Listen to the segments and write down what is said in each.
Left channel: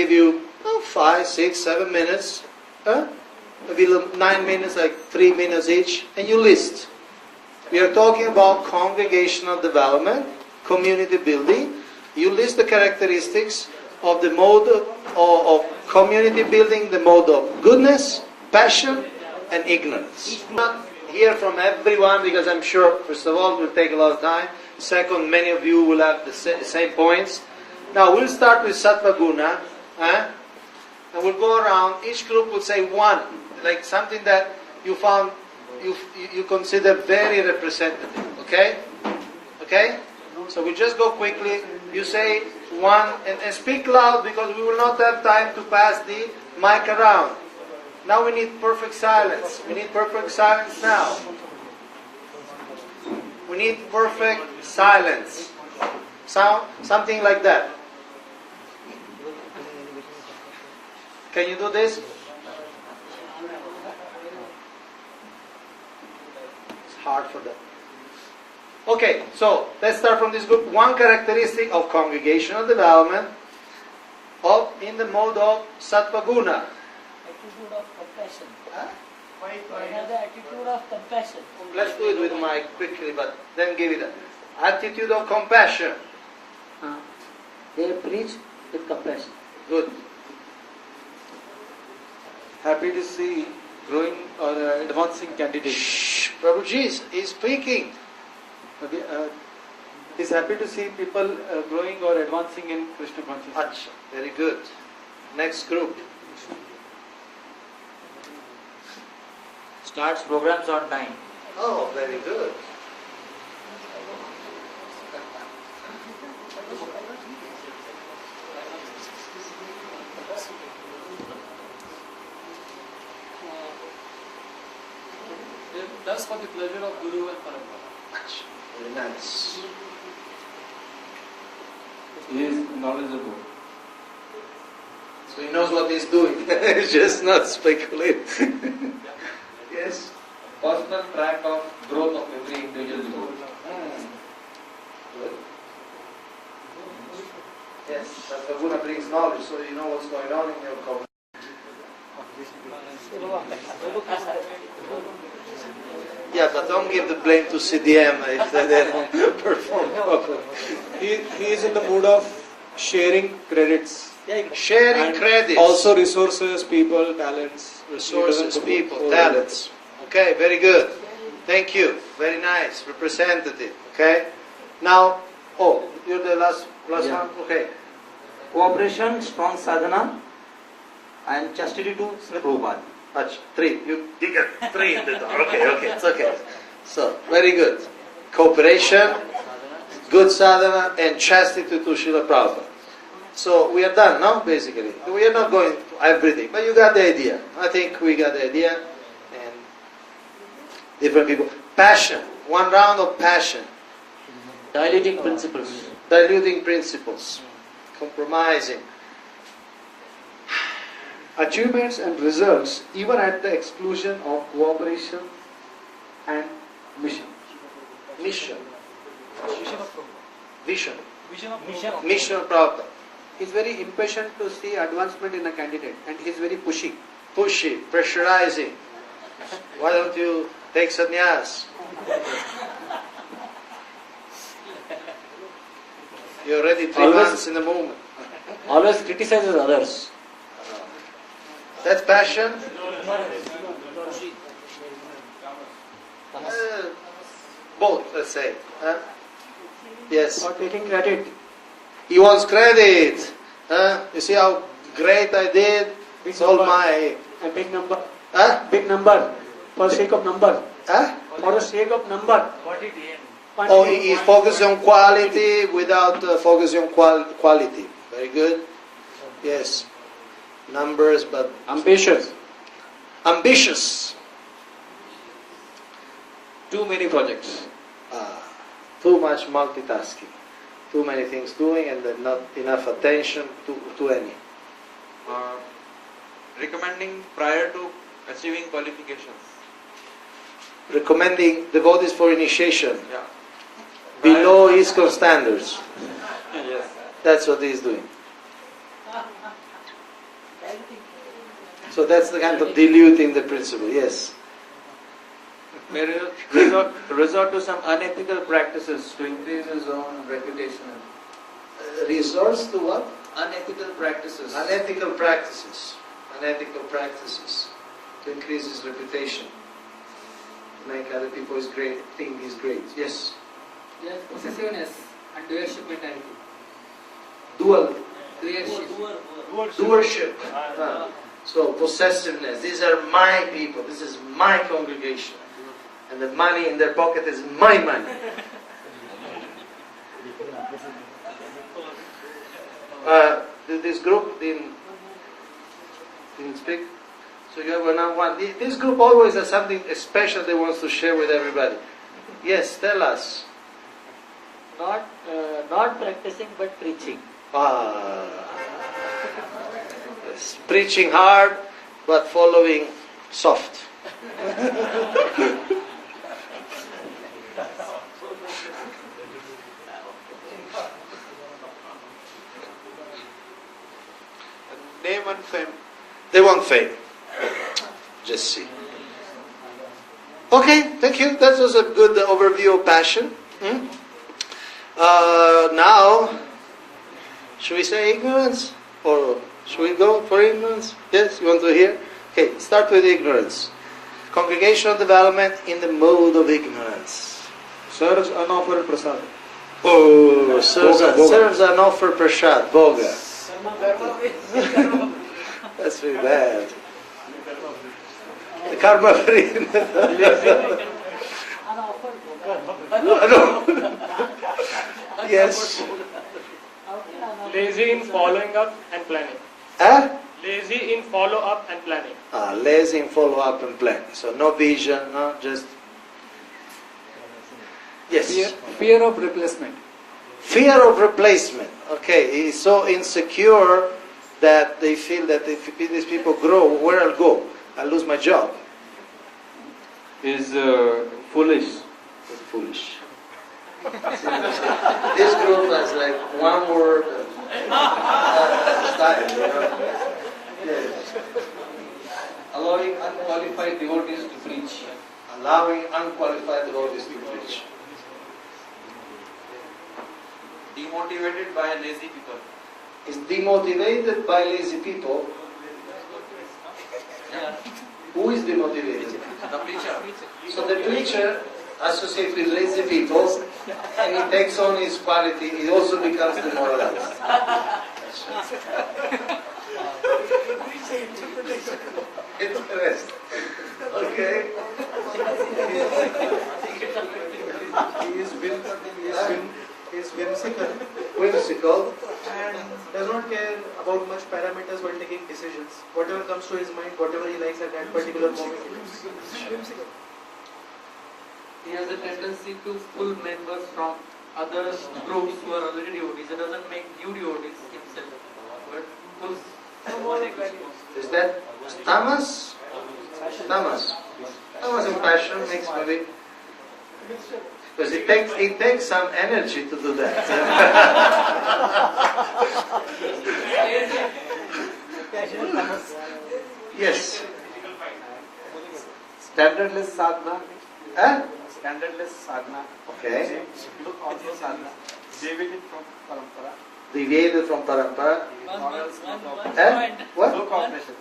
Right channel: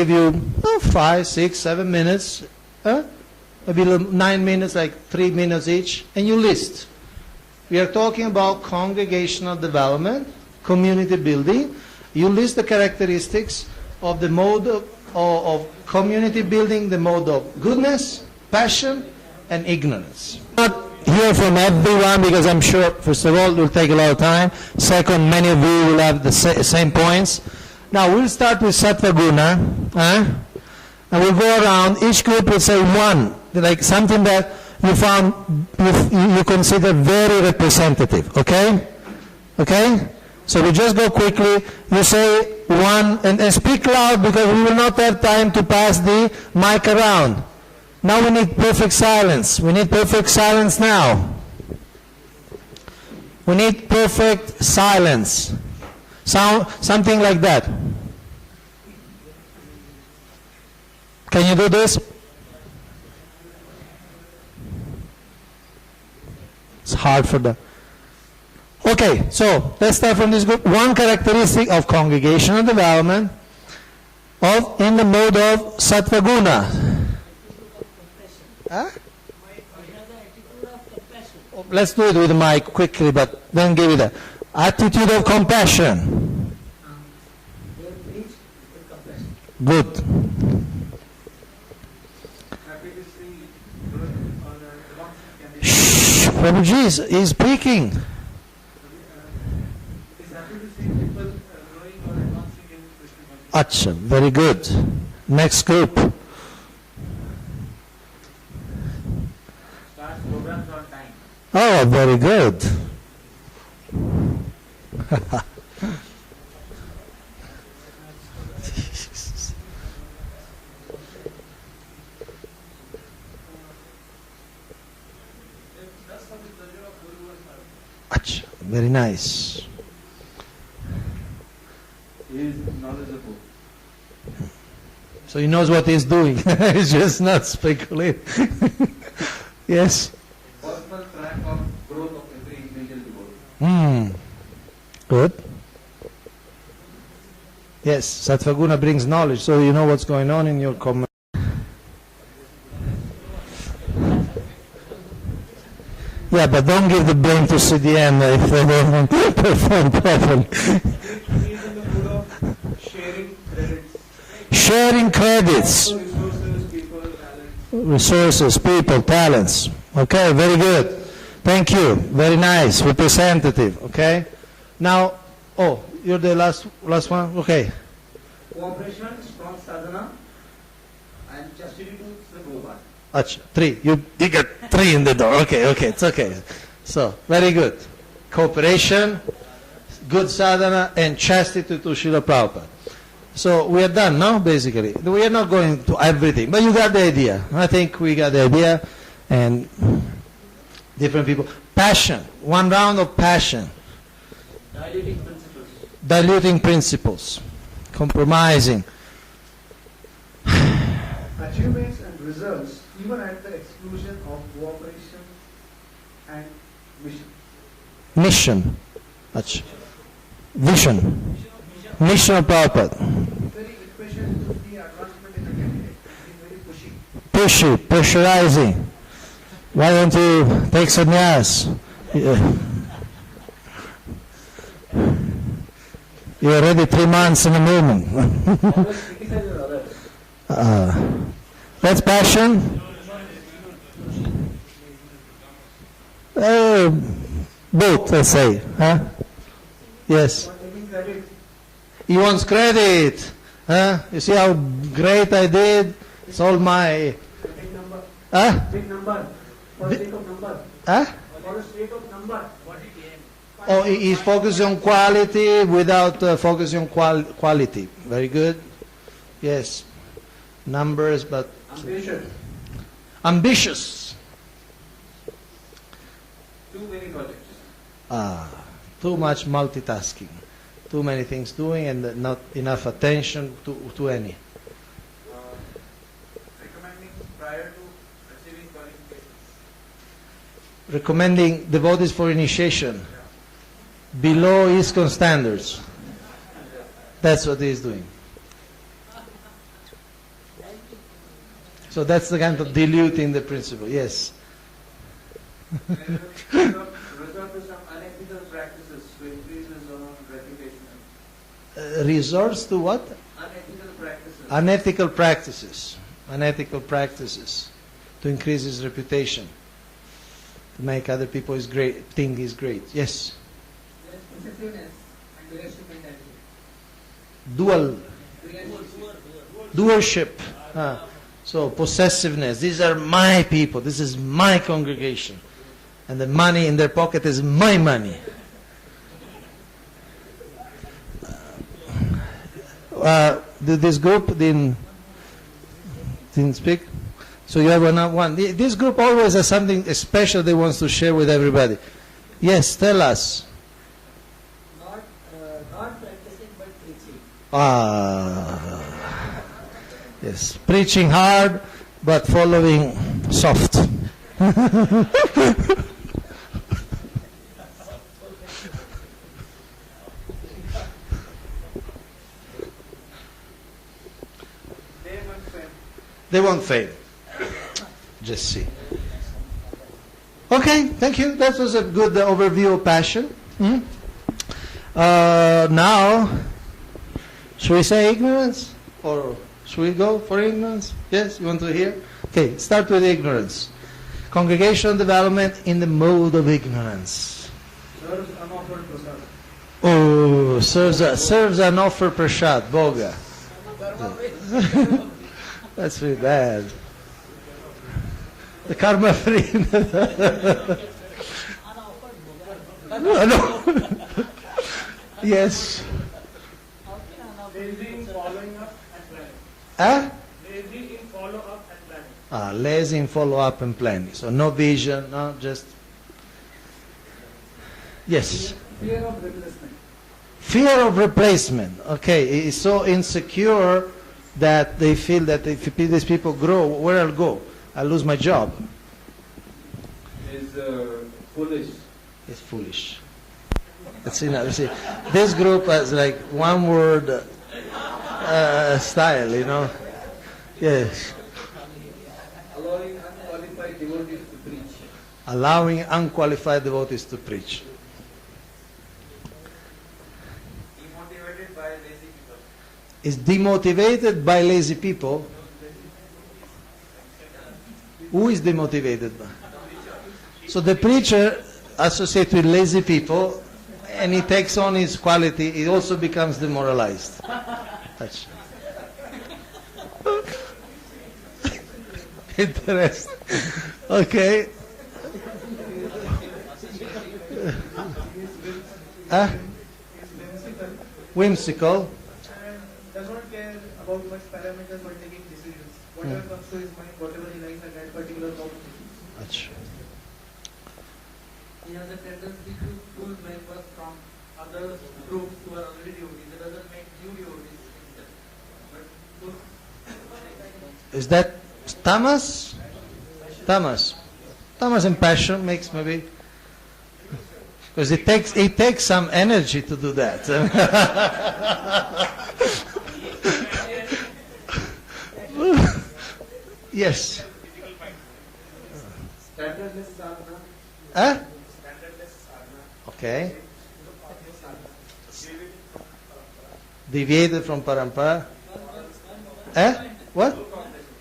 give you 5, 6, 7 minutes, maybe 9 minutes, like 3 minutes each, and you list. We are talking about congregational development, community building. You list the characteristics of the mode of community building, the mode of goodness, passion, and ignorance. Not hear from everyone because I'm sure, first of all, it will take a lot of time. Second, many of you will have the same points. Now we'll start with Sattva Guna, and we'll go around. Each group will say one, like something that you found you consider very representative. Okay? Okay? So we just go quickly. You say one and speak loud because we will not have time to pass the mic around. Now we need perfect silence. We need perfect silence now. We need perfect silence. Something like that. Can you do this? It's hard for them. Okay, so let's start from this group. One characteristic of congregational development in the mode of Sattva Guna. Huh? Let's do it with the mic quickly, but then give it a attitude of compassion. They preach with compassion. Good. Happy to see growing or advancing candidates. Shh, Prabhuji is speaking. He's happy to see people growing or advancing in Krishna consciousness. Acha, very good. Next group. Starts programs on time. Oh, very good. That's for the pleasure of Guru and Parampara. Acha, very nice. He is knowledgeable. So he knows what he's doing. He's just not speculating. Yes. Personal track of growth of every individual devotee. Good. Yes, Sattva Guna brings knowledge, so you know what's going on in your community. Yeah, but don't give the blame to CDM if they don't perform properly. He is in the mood of sharing credits. Sharing credits. Also resources, people, talents. Resources, people, talents. Okay, very good. Thank you. Very nice. Representative. Okay. Now, you're the last one? Okay. Cooperation, strong sadhana, and chastity to Sri Prabhupada. Achha, 3. You get 3 in the door. Okay, it's okay. So, very good. Cooperation, good sadhana, and chastity to Srila Prabhupada. So, we are done now, basically. We are not going to everything, but you got the idea. I think we got the idea, and different people. Passion. One round of passion. Diluting principles. Diluting principles. Compromising. Achievements and results even at the exclusion of cooperation and mission. Mission. Vision. Mission of Prabhupada. He is very impatient to see advancement in a candidate and he is very pushy. Pushy, pressurizing. Why don't you take sannyas? You're already 3 months in the movement. Always criticizes others. That's passion. Both, let's say. Huh? Yes. Not taking credit. He wants credit. Huh? You see how great I did? It's all my... A big number. Huh? Big number. For the sake of number. Huh? For the sake of number. Oh, he focuses on quality without focusing on quality. Very good. Yes. Numbers, but... Ambitious. Ambitious. Too many projects. Too much multitasking. Too many things doing and not enough attention to any. Recommending prior to achieving qualifications. Recommending devotees for initiation. Yeah. Below ISKCON standards. Yes. That's what he's doing. So that's the kind of diluting the principle. Yes. May resort to some unethical practices to increase his own reputation. Resorts to what? Unethical practices. Unethical practices. Unethical practices to increase his reputation. To make other people think he's great. Yes. Yes, possessiveness and doership mentality. Doership. So possessiveness. These are my people. This is my congregation. And the money in their pocket is my money. This group didn't speak. So you have one. This group always has something special they wants to share with everybody. Yes, tell us. Not practicing but preaching. Yes, preaching hard but following soft. Name and fame. They want fame. Just see. Okay, thank you. That was a good overview of passion. Now, should we say ignorance? Or should we go for ignorance? Yes, you want to hear? Okay, start with ignorance. Congregational development in the mode of ignorance. Serves unoffered prasad. Oh, serves an offer prasad, boga. That's really bad. The karma free. Yes. Lazy in following up and planning. Lazy in follow up and planning. Lazy in follow up and planning. So no vision, no, just. Yes. Fear of replacement. Fear of replacement. Okay, he's so insecure that they feel that if these people grow, where I'll go? I'll lose my job. Is foolish. That's foolish. See, this group has like one word style, you know. Yes. Allowing unqualified devotees to preach. Allowing unqualified devotees to preach. Demotivated by lazy people. Is demotivated by lazy people. Who is demotivated? The preacher. So the preacher associates with lazy people, and he takes on his quality, he also becomes demoralized. That's right. Interesting. Okay. Is whimsical Whimsical. and does not care about much parameters while taking decisions. Whatever comes to his mind, whatever he likes at that particular moment, he does. Whimsical. He has a tendency to pull members from other groups who are already devotees. He doesn't make new devotees himself, but pulls. Is that tamas? Tamas. Tamas and passion makes maybe. Because it takes some energy to do that. Yes. Standardless sadhana. Huh? Standardless sadhana. Okay. Look on the sadhana. Deviated from parampara. Deviated from parampara. What? No cooperation.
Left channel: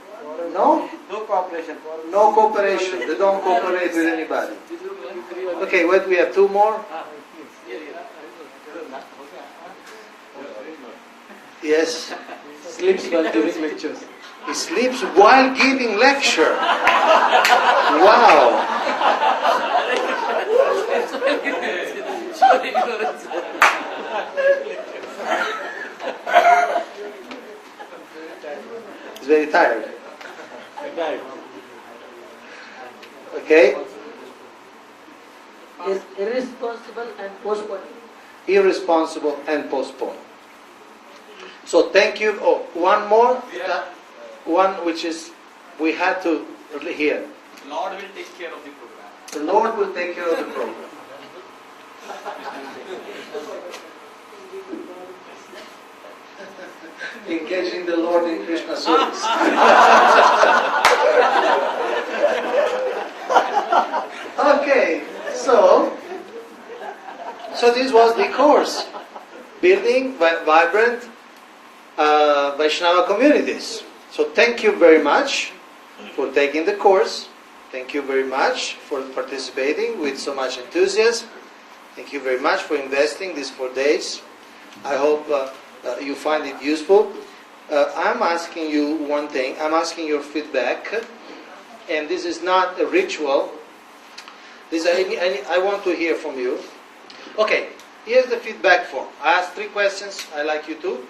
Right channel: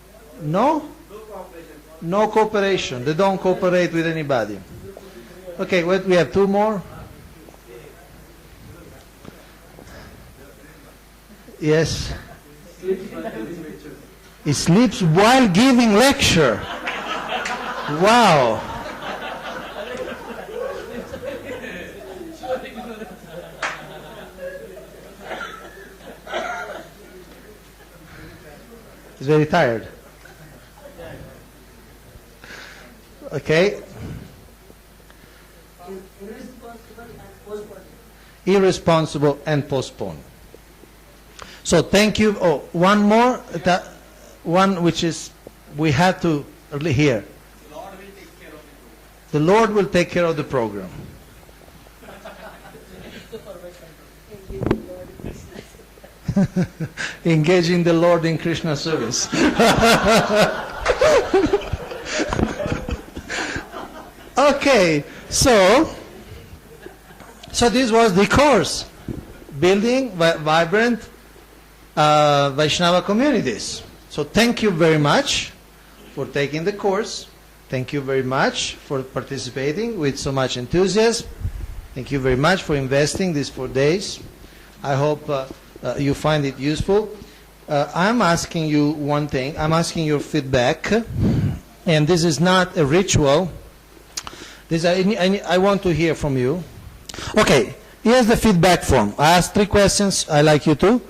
No? No cooperation. No cooperation. They don't cooperate with anybody. Okay, what we have two more? Yes. Sleeps while giving lectures. He sleeps while giving lecture. Wow. He's very tired. Okay. Is irresponsible and postponing. Irresponsible and postpone. So thank you. Oh, one more. One which is we had to hear. Lord will take care of the program. The Lord will take care of the program. Engaging the Lord in Krishna service. Okay, so this was the course, building vibrant Vaishnava communities. So thank you very much for taking the course. Thank you very much for participating with so much enthusiasm. Thank you very much for investing these 4 days. I hope you find it useful. I'm asking you one thing. I'm asking your feedback, and this is not a ritual. I want to hear from you. Okay, here's the feedback form. I asked 3 questions. I'd like you to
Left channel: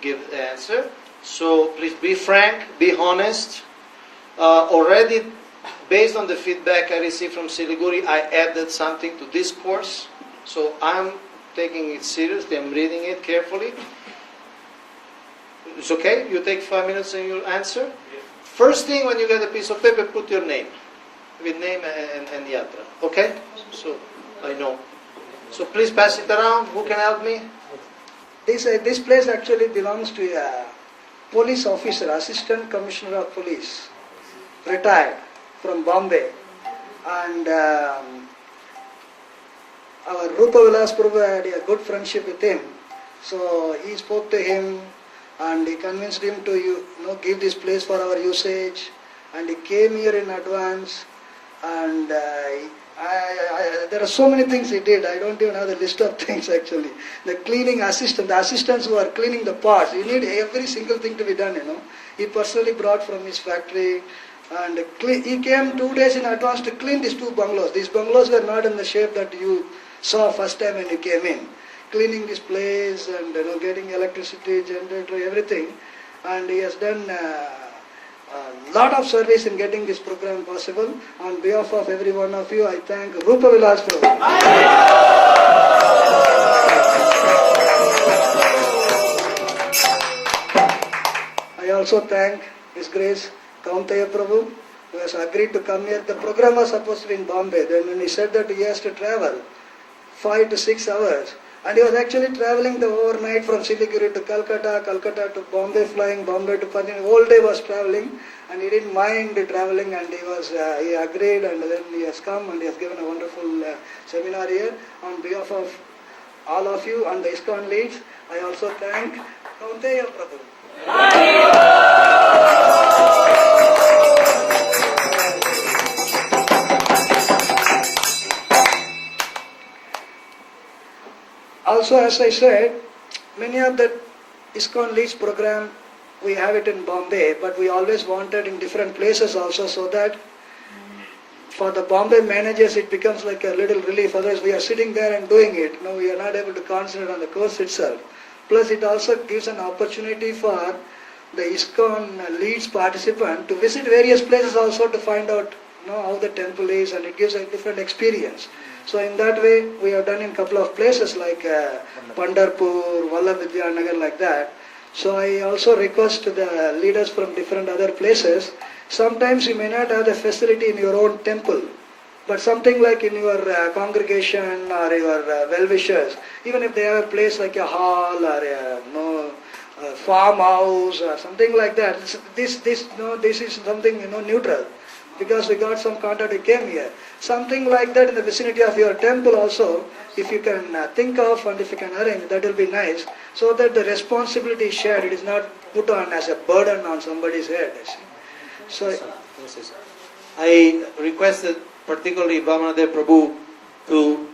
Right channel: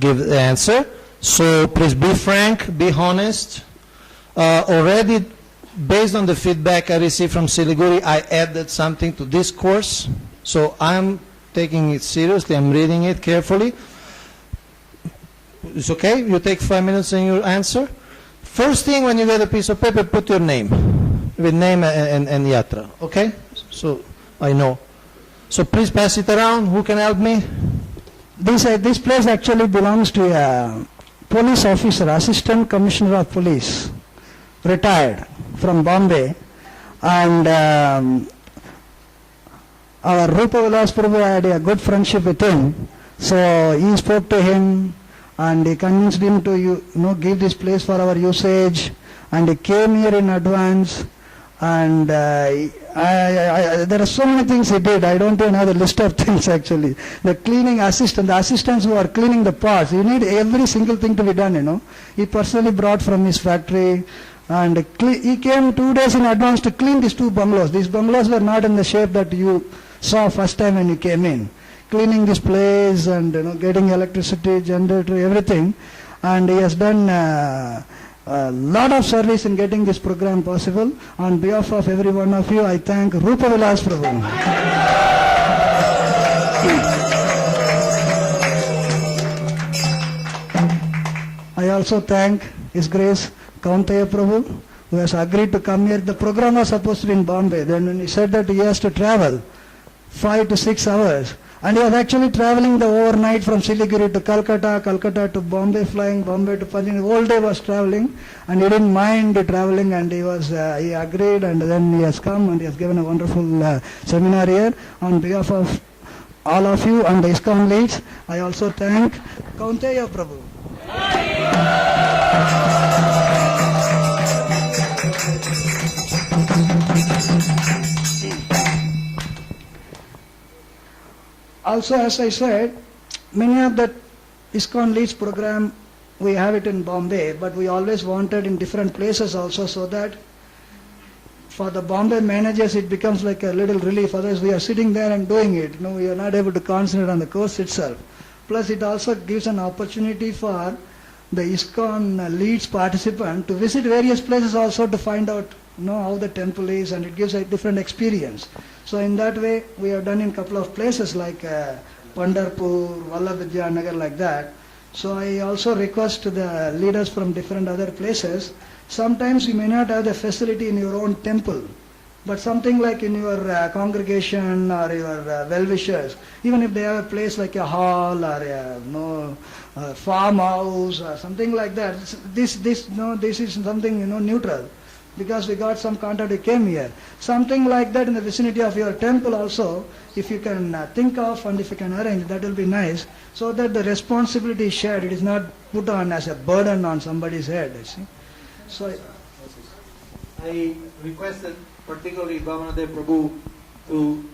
give the answer. So please be frank, be honest. Already, based on the feedback I received from Siliguri, I added something to this course. So I'm taking it seriously. I'm reading it carefully. It's okay? You take 5 minutes and you answer? First thing, when you get a piece of paper, put your name. With name and yatra. Okay? So I know. So please pass it around. Who can help me? This place actually belongs to a police officer, Assistant Commissioner of Police, retired from Bombay, and our Rupa Vilas Prabhu had a good friendship with him, so he spoke to him and he convinced him to give this place for our usage, and he came here in advance, and there are so many things he did. I don't even have the list of things actually. The cleaning assistant, the assistants who are cleaning the pots, you need every single thing to be done, He personally brought from his factory, and he came 2 days in advance to clean these 2 bungalows. These bungalows were not in the shape that you saw first time when you came in. Cleaning this place and getting electricity, generator, everything. And he has done a lot of service in getting this program possible. On behalf of every one of you, I thank Rupa Vilas Prabhu. I also thank His Grace Kaunteya Prabhu, who has agreed to come here. The program was supposed to be in Bombay. Then when he said that he has to travel 5 to 6 hours, and he was actually traveling the overnight from Siliguri to Calcutta, Calcutta to Bombay, flying Bombay to Panchgani. The whole day was traveling, and he didn't mind the traveling, and he agreed, and then he has come and he has given a wonderful seminar here. On behalf of all of you and the ISKCON Leads, I also thank Kaunteya Prabhu. Also, as I said, many of the ISKCON Leads program, we have it in Bombay, but we always wanted in different places also, so that for the Bombay managers it becomes like a little relief. Otherwise we are sitting there and doing it. We are not able to concentrate on the course itself. Plus it also gives an opportunity for the ISKCON Leads participant to visit various places also to find out how the temple is, and it gives a different experience. So in that way we have done in a couple of places like Pandharpur, Vallabh like that. So I also request the leaders from different other places, sometimes you may not have the facility in your own temple, but something like in your congregation or your well-wishers, even if they have a place like a hall or a farmhouse or something like that, this is something neutral, because we got some contact, we came here. Something like that in the vicinity of your temple also, if you can think of and if you can arrange, that will be nice, so that the responsibility is shared. It is not put on as a burden on somebody's head. So I requested particularly Vaishnava Prabhu to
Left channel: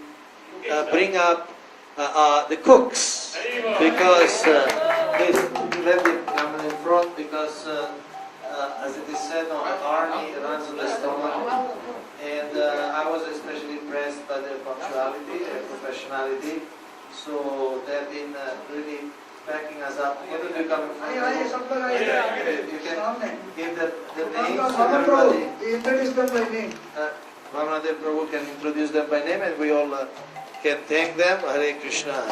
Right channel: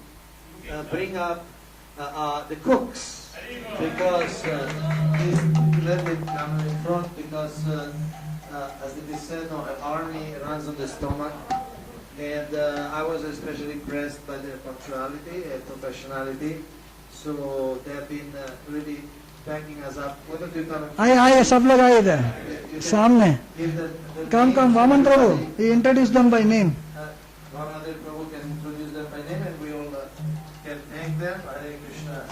bring up the cooks, because let them come in front, because as it is said, the army runs on the stomach, and I was especially impressed by their punctuality and professionality. So they have been really backing us up. Whether they come, आए सब लोग आए इधर सामने काम Vaman Prabhu, he introduced them by name. Vaishnava Prabhu can introduce them by name, and we all can thank them. Hare Krishna.